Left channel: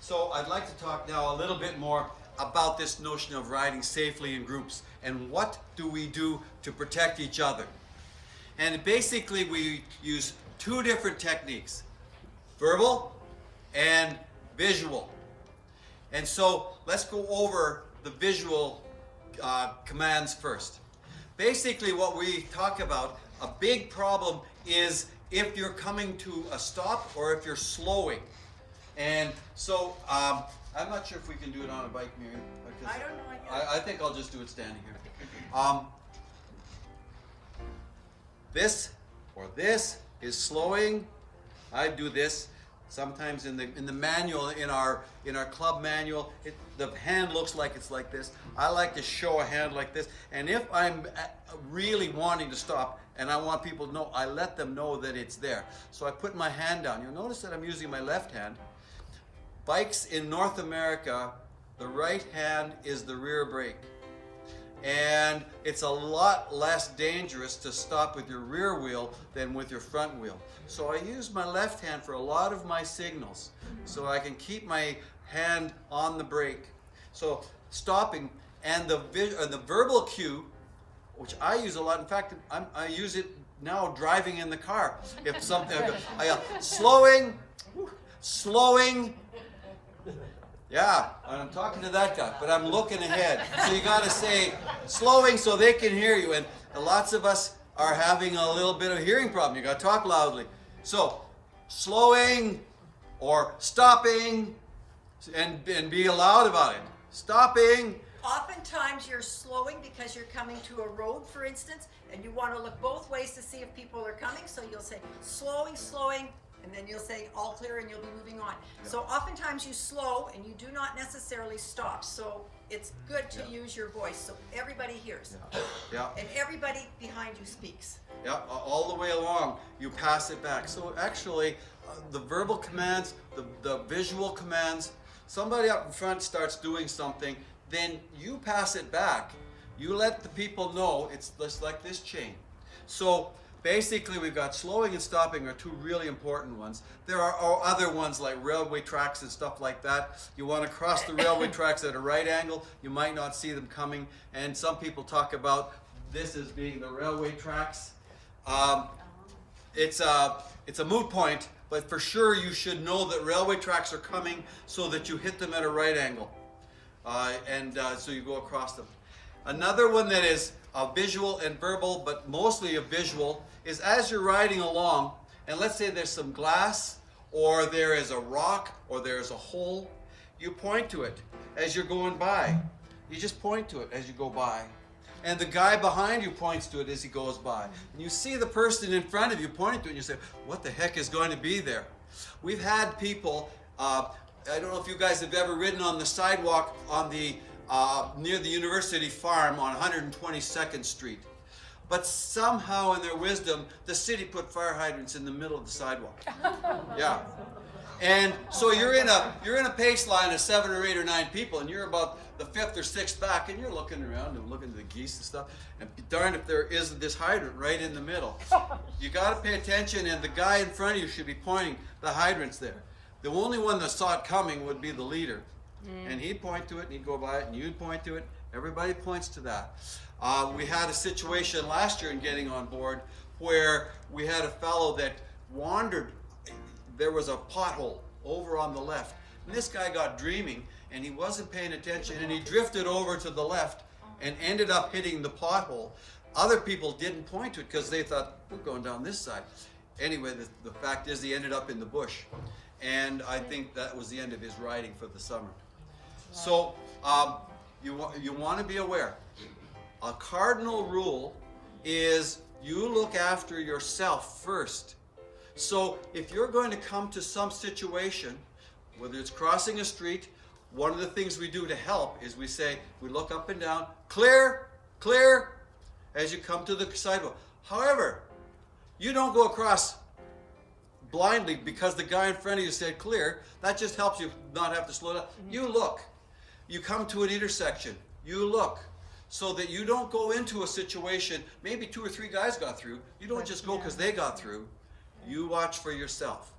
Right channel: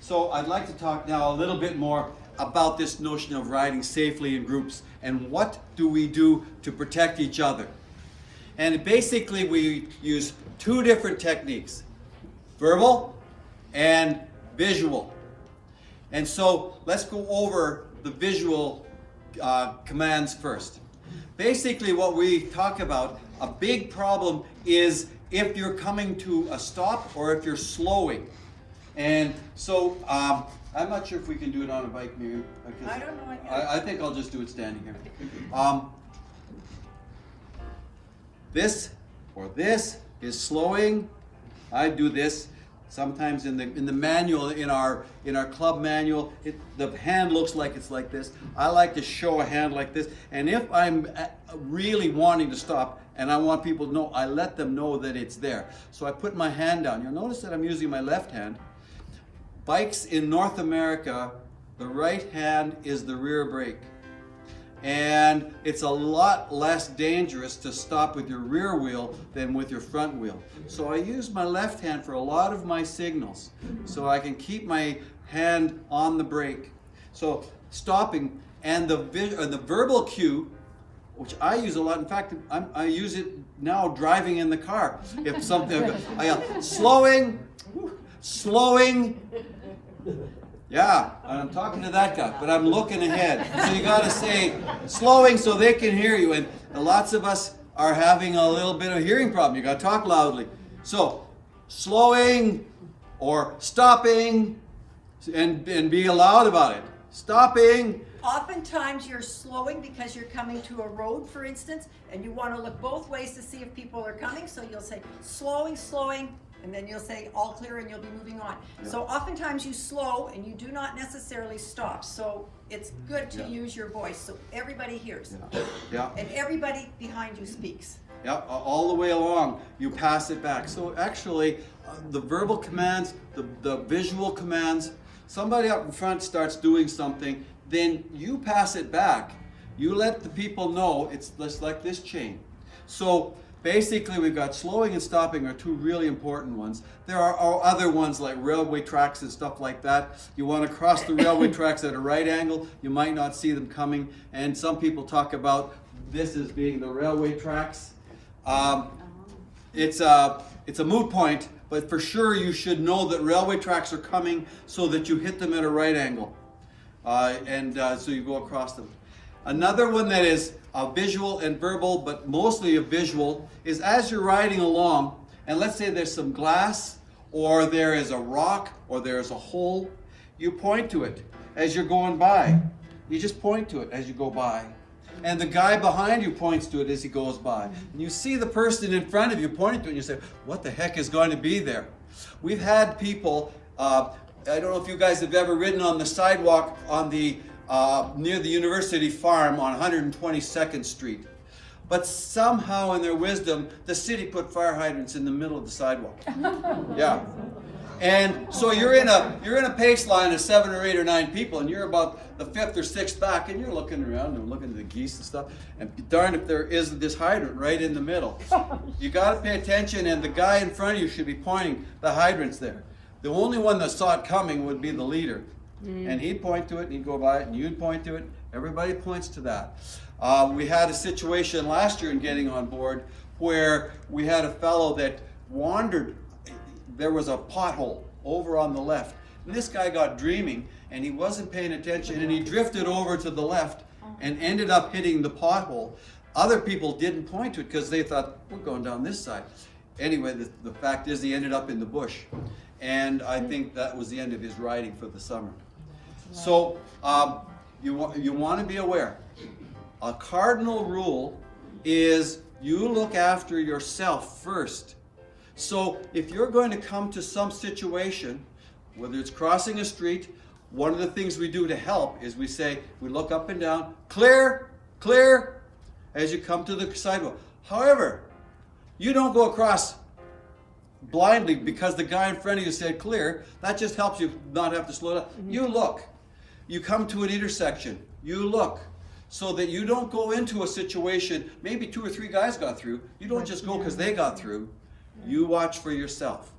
So I'd like to talk now a little bit more about this notion of riding safely in groups and what do we do to protect each other. And basically we use two different techniques, verbal and visual. And so let's go over the visual commands first. Basically what we talk about, a big problem is if you're coming to a stop or if you're slowing. And so I'm not sure if we can do it on a bike, maybe. I don't know. I think I'll just do it standing here. This or this is slowing. I do this. Sometimes in the manual, in our club manual, the hand looks like it's like this. I like to show a hand like this. And if I'm really wanting to stop and I want people to know, I let them know that it's there. So I put my hand down. You'll notice that I'm using my left hand. Bikes in North America, the right hand is the rear brake. And it's a lot less dangerous to stop with your rear wheel than with your front wheel. So I use my left hand for a lot of my signals, so I can keep my hand on the brake. So stopping, and the verbal cue, which I use a lot. In fact, I use it now driving in the car. If something, I yell, slowing, slowing. Yeah, I'm talking to that guy, but I'm looking ahead. So you got to say slowing so they can hear you. And lots of us are having a little bit of a hearing problem. You got to talk loudly. So slowing or stopping, and be loud about it. Stopping. Oftentimes you're slowing because you're coming to a road, for instance, and you want to look both ways to see if people are coming. So you'll say slowing, slowing. And then you'll say all clear and you'll be moving on. Yeah. So oftentimes you slow and you do not necessarily stop. So it's good to use your voice so everybody hears. Yeah. And everybody behind you speaks. Yeah, all the way along you pass it back. So actually the verbal commands, the visual commands, somebody up in front starts doing something, then you pass it back. You let the people know it's just like this chain. So basically, we've got slowing and stopping are two really important ones. There are other ones like railway tracks and stuff like that. You want to cross the railway tracks at a right angle, you might not see them coming. And some people talk about this as being the railway tracks. It's a moot point, but for sure you should know that railway tracks are coming so that you hit them at a right angle. So you go across them. Another one that is visual and verbal, but mostly a visual, is as you're riding along, and let's say there's some glass, or there is a rock, or there's a hole, you point to it as you're going by. You just point to it as you go by. And the guy behind you points to it as he goes by. And you see the person in front of you pointing to it, and you say, what the heck is going to be there? We've had people, I don't know if you guys have ever ridden on the sidewalk on the near the University Farm on 122nd Street. But somehow in their wisdom, the city put fire hydrants in the middle of the sidewalk. Yeah. And so you're in a pace line of 7 or 8 or 9 people, and you're about the 5th or 6th back, and you're looking around and looking at the geese and stuff, and darned if there isn't this hydrant right in the middle. You got to pay attention, and the guy in front of you should be pointing the hydrants there. The only one that saw it coming would be the leader. And he'd point to it, and he'd go by it, and you'd point to it. Everybody points to that. We had a situation last year in getting on board where we had a fellow that wandered. There was a pothole over on the left. And this guy got dreaming, and he wasn't paying attention, and he drifted over to the left and ended up hitting the pothole. Other people didn't point to it because they thought, we're going down this side. Anyway, the fact is he ended up in the bush. And I think that was the end of his riding for the summer. So you want to be aware. A cardinal rule is you look after yourself first. So if you're going to come to some situation, whether it's crossing a street, one of the things we do to help is we look up and down, clear, clear, as you come to the sidewalk. However, you don't go across blindly because the guy in front of you said clear. That just helps you not have to slow down. You look. You come to an intersection. You look. So that you don't go into a situation, maybe 2 or 3 guys got through. You don't just go because they got through. You watch for yourself.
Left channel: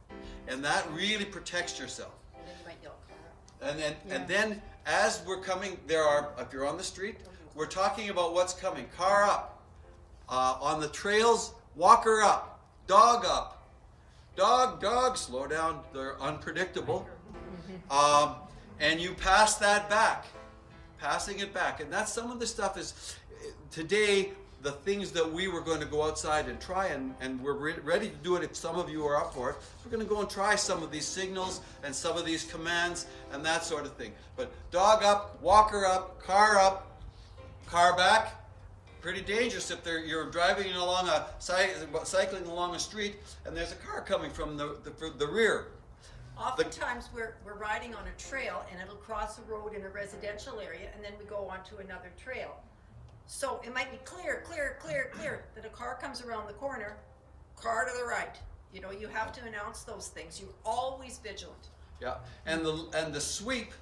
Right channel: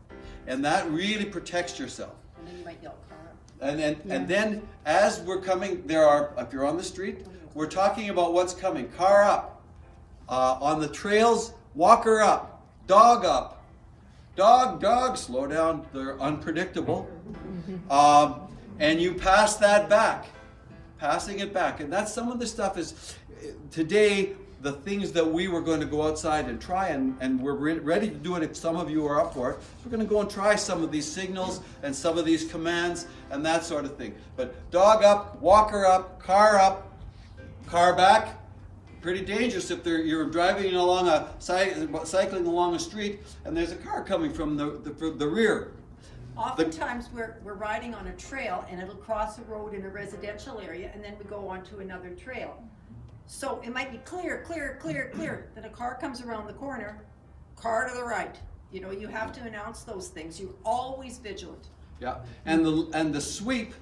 And that really protects yourself. And then you might yell, car. And then as we're coming, if you're on the street, we're talking about what's coming. Car up. On the trails, walker up. Dog up. Dog, slow down. They're unpredictable. And you pass that back. Passing it back. And that's some of the stuff is, today, the things that we were going to go outside and try, and we're ready to do it if some of you are up for it. We're going to go and try some of these signals and some of these commands and that sort of thing. But dog up, walker up, car back. Pretty dangerous if you're driving along cycling along a street and there's a car coming from the rear. Oftentimes we're riding on a trail and it'll cross a road in a residential area and then we go on to another trail. So it might be clear. Then a car comes around the corner, car to the right. You know, you have to announce those things. You're always vigilant. Yeah, and the sweep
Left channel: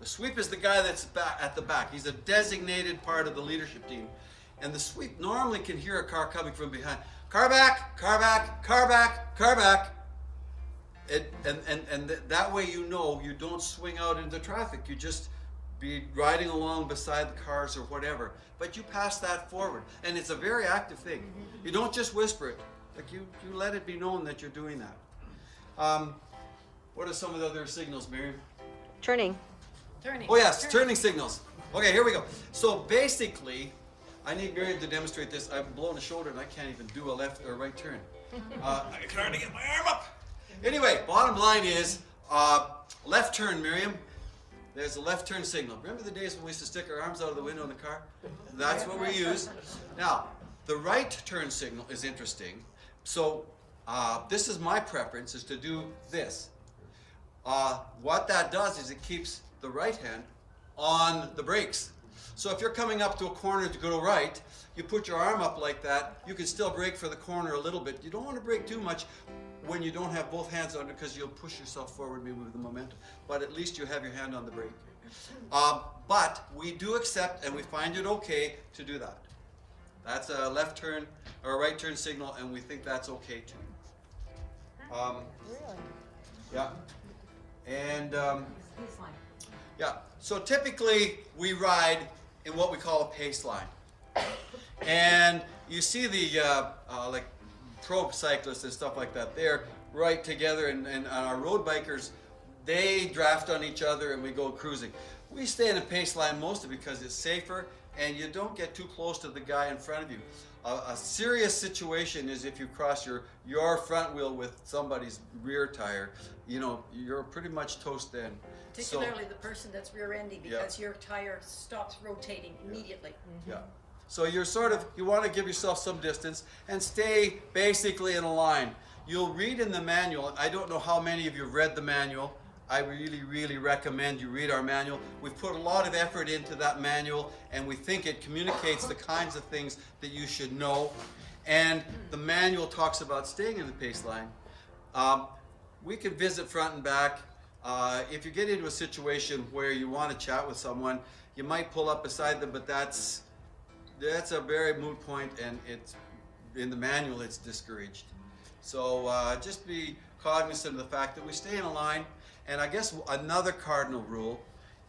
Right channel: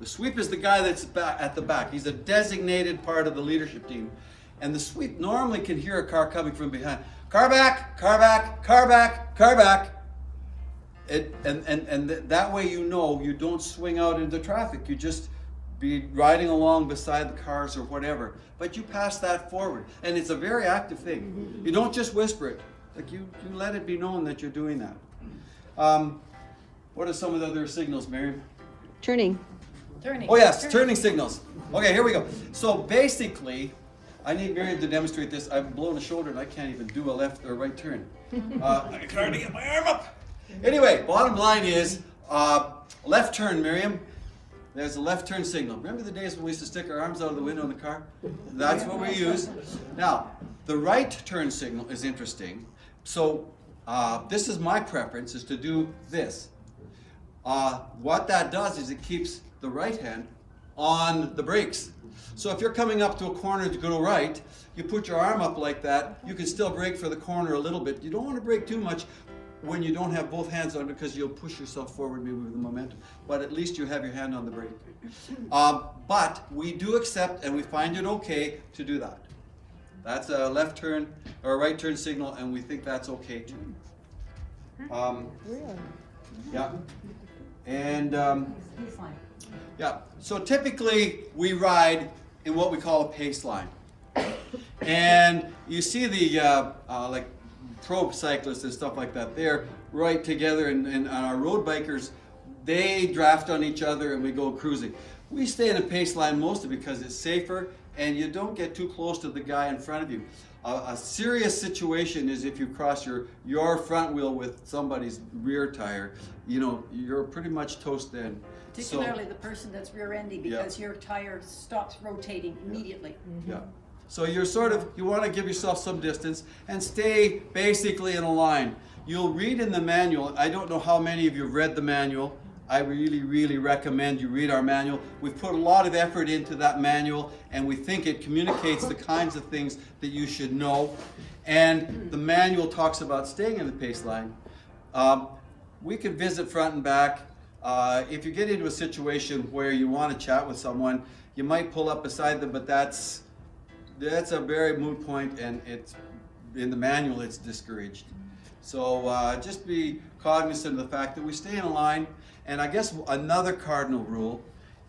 is the guy that's at the back. He's a designated part of the leadership team. And the sweep normally can hear a car coming from behind. Car back, car back, car back, car back. And that way you know you don't swing out into traffic. You just be riding along beside the cars or whatever. But you pass that forward. And it's a very active thing. You don't just whisper it. Like you let it be known that you're doing that. What are some of the other signals, Miriam? Turning. Oh yes, turning signals. Okay, here we go. So basically, I need Miriam to demonstrate this. I've blown a shoulder and I can't even do a left or right turn. I'm trying to get my arm up. Anyway, bottom line is left turn, Miriam. There's a left turn signal. Remember the days when we used to stick our arms out of the window in the car? That's what we use. Now, the right turn signal is interesting. So this is my preference, is to do this. What that does is it keeps the right hand on the brakes. So if you're coming up to a corner to go to right, you put your arm up like that, you can still brake for the corner a little bit. You don't want to brake too much when you don't have both hands on it because you'll push yourself forward maybe with the momentum. But at least you have your hand on the brake. But we do accept and we find it okay to do that. That's a left turn or a right turn signal, and we think that's okay too. Yeah. And yeah, so typically we ride in what we call a pace line. And you see the like pro cyclists and stuff like that, they're right together, and our road bikers, they draft on each other and we go cruising. We stay in a pace line mostly because it's safer and you don't get too close to the guy in front of you. A serious situation is if you cross your front wheel with somebody's rear tire, you know, you're pretty much toast then. Particularly the person that's rear-endy, because your tire stops rotating immediately. Yeah. So you're you want to give yourself some distance and stay basically in a line. You'll read in the manual. I don't know how many of you have read the manual. I really, really recommend you read our manual. We've put a lot of effort into that manual, and we think it communicates the kinds of things that you should know. And the manual talks about staying in the pace line. We can visit front and back. If you get into a situation where you want to chat with someone, you might pull up beside them, but that's a very moot point, and it's in the manual it's discouraged. So just be cognizant of the fact that we stay in a line. And I guess another cardinal rule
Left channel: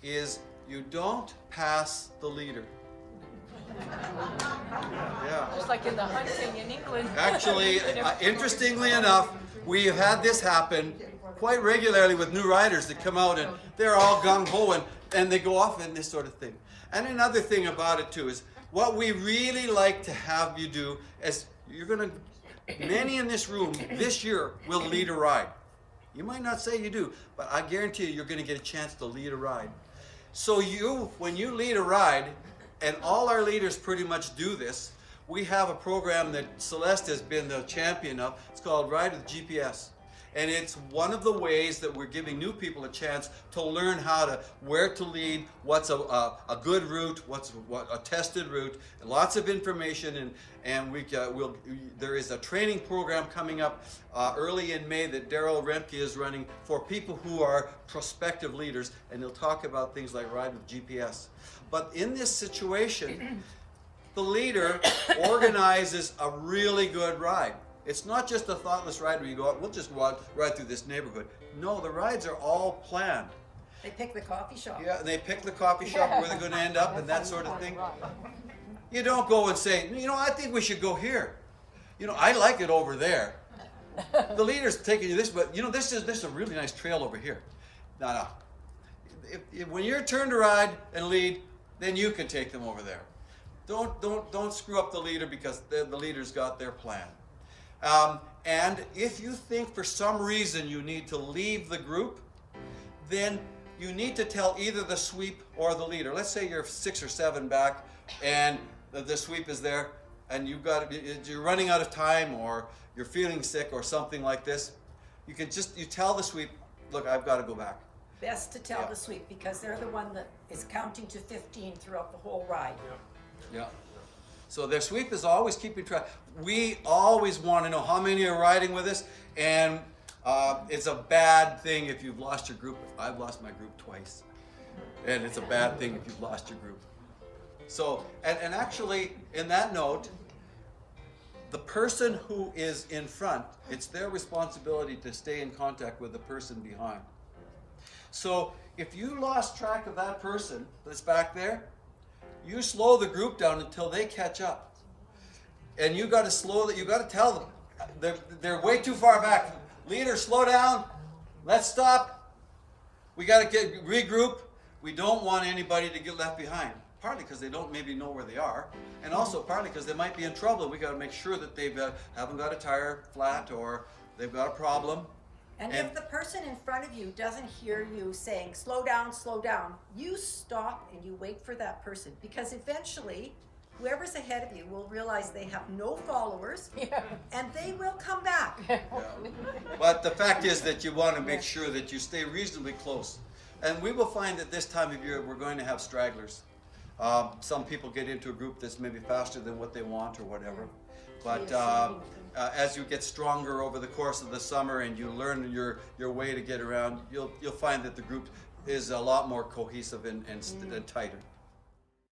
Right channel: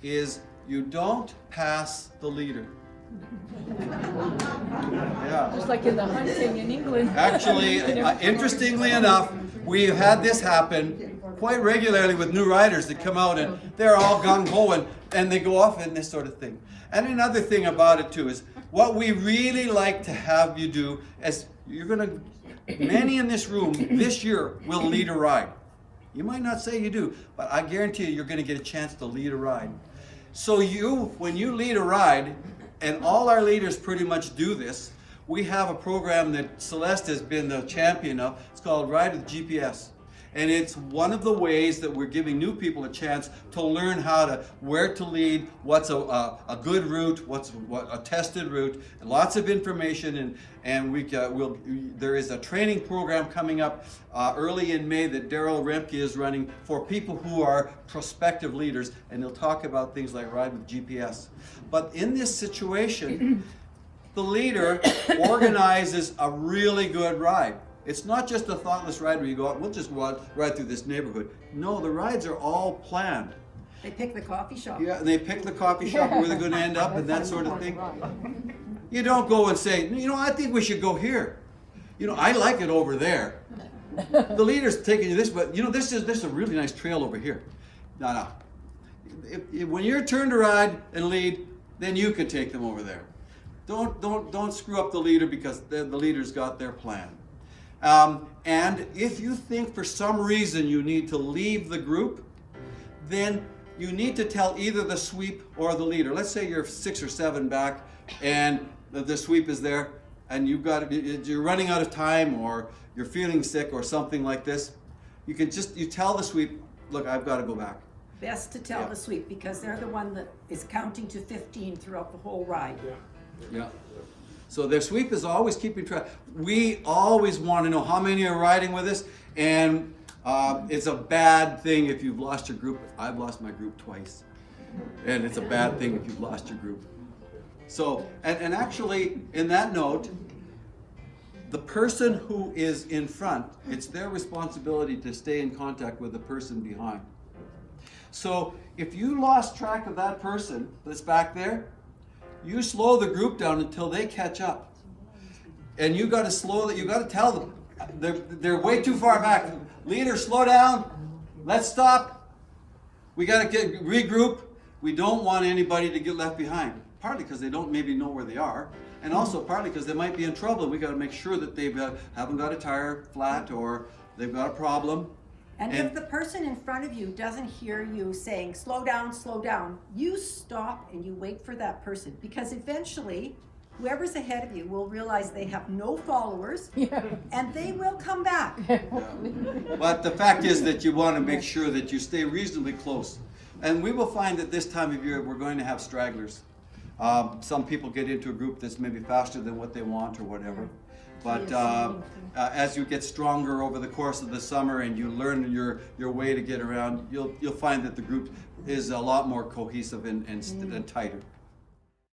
is you don't pass the leader. Yeah. Just like in the hunting in England. Actually, interestingly enough, we have had this happen quite regularly with new riders that come out and they're all gung-ho and they go off in this sort of thing. And another thing about it too is what we really like to have you do is many in this room this year will lead a ride. You might not say you do, but I guarantee you're going to get a chance to lead a ride. So when you lead a ride, and all our leaders pretty much do this, we have a program that Celeste has been the champion of. It's called Ride with GPS. And it's one of the ways that we're giving new people a chance to learn where to lead, what's a good route, what's a tested route, and lots of information. And there is a training program coming up early in May that Daryl Remke is running for people who are prospective leaders, and he'll talk about things like Ride with GPS. But in this situation, the leader organizes a really good ride. It's not just a thoughtless ride where you go out, we'll just ride through this neighborhood. No, the rides are all planned. They pick the coffee shop. Yeah, and they pick the coffee shop where they're going to end up and that sort of thing. You don't go and say, I think we should go here. I like it over there. The leader's taking you this, but this is a really nice trail over here. No. When you're turn to ride and lead, then you can take them over there. Don't screw up the leader because the leader's got their plan. And if you think for some reason you need to leave the group, then you need to tell either the sweep or the leader. Let's say you're 6 or 7 back and the sweep is there and you're running out of time or you're feeling sick or something like this. You tell the sweep, look, I've got to go back. Best to tell the sweep because they're the one that is counting to 15 throughout the whole ride. Yeah. So their sweep is always keeping track. We always want to know how many are riding with us, and it's a bad thing if you've lost your group. I've lost my group twice, and it's a bad thing if you've lost your group. So, and actually, in that note, the person who is in front, it's their responsibility to stay in contact with the person behind. So if you lost track of that person that's back there, you slow the group down until they catch up. And you got to tell them, they're way too far back. Leader, slow down. Let's stop. We got to regroup. We don't want anybody to get left behind. Partly because they don't maybe know where they are. And also partly because they might be in trouble. We got to make sure that they haven't got a tire flat or they've got a problem. And if the person in front of you doesn't hear you saying, slow down, you stop and you wait for that person. Because eventually, whoever's ahead of you will realize they have no followers and they will come back. But the fact is that you want to make sure that you stay reasonably close. And we will find that this time of year, we're going to have stragglers. Some people get into a group that's maybe faster than what they want or whatever. But as you get stronger over the course of the summer and you learn your way to get around, you'll find that the group is a lot more cohesive and tighter.